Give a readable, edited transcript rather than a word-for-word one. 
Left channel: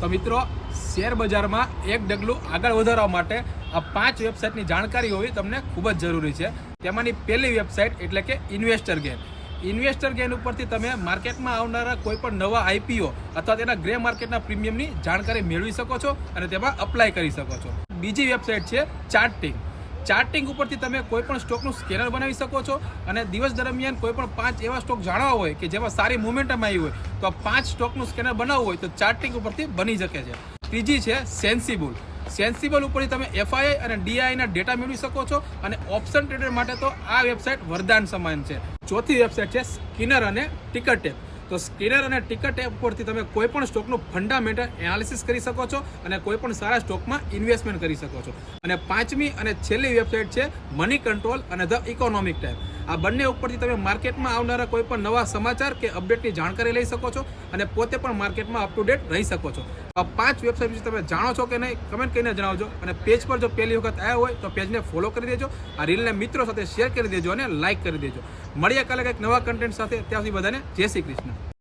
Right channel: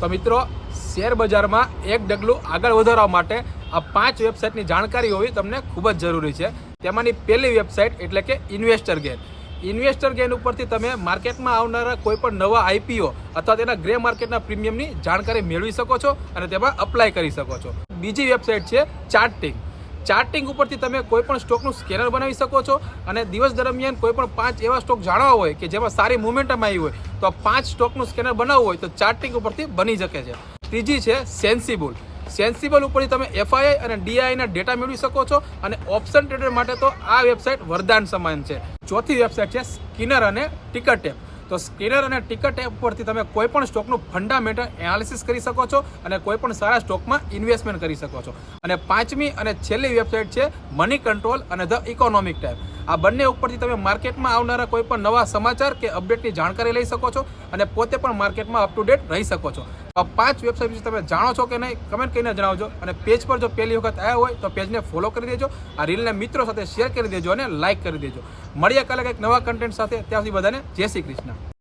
તો મિત્રો, શેર બજારમાં એક ડગલું આગળ વધારવા માટે આ 5 વેબસાઇટની જાણકારી હોવી તમને ખૂબ જ જરૂરી છે. તેમાંની પહેલી વેબસાઇટ એટલે કે ઇન્વેસ્ટર ગેન. ઇન્વેસ્ટર ગેન ઉપરથી તમે માર્કેટમાં આવનારા કોઈ પણ નવા આઈપીઓ અથવા તેના ગ્રે માર્કેટના પ્રીમિયમની જાણકારી મેળવી શકો છો અને તેમાં અપ્લાય કરી શકો છો. બીજી વેબસાઇટ છે ચાર્ટિંગ. ચાર્ટિંગ ઉપરથી તમે કોઈ પણ સ્ટોકનું સ્કેનર બનાવી શકો છો અને દિવસ દરમિયાન કોઈ પણ 5 એવા સ્ટોક જાણવા હોય કે જેમાં સારી મોમેન્ટમ આવી હોય તો 5 સ્ટોકનું સ્કેનર બનાવવું હોય તો ચાર્ટિંગ ઉપરથી બની શકે છે. ત્રીજી છે સેન્સિબલ. સેન્સિબલ ઉપરથી તમે એફઆઈઆઈ અને ડીઆઈના ડેટા મેળવી શકો છો અને ઓપ્શન ટ્રેડર માટે તો આ વેબસાઇટ વરદાન સમાન છે. ચોથી વેબસાઇટ છે સ્કિનર અને ટિકર ટેપ. તો સ્કિનર અને ટિકર ટેપ પરથી તમે કોઈ પણ સ્ટોકનું ફંડામેન્ટલ એનાલિસિસ કરી શકો છો અને કોઈ પણ સારા સ્ટોકમાં ઇન્વેસ્ટમેન્ટ કરી શકો છો. અને પાંચમી અને છેલ્લી વેબસાઇટ છે મની કંટ્રોલ અને ધ ઇકોનોમિક ટાઈમ. આ બંને ઉપરથી તમે માર્કેટમાં આવનારા કોઈ પણ નવા સમાચાર કે અપડેટની જાણકારી લઈ શકો છો અને પોતે પણ માર્કેટમાં અપ ટુ ડેટ રહી શકો છો. આ 5 વેબસાઇટ વિશે તમે જાણો છો કે નહીં, કમેન્ટ કરીને જણાવજો. અને પેજ પર જો પહેલી વખત આવ્યા હોય તો પેજને ફોલો કરી દેજો, આ રીલને મિત્રો સાથે શેર કરી દેજો અને લાઇક કરી દેજો. મળીએ કાલે કંઈક નવા કન્ટેન્ટ સાથે. ત્યાં સુધી બધાને જય શ્રી કૃષ્ણ.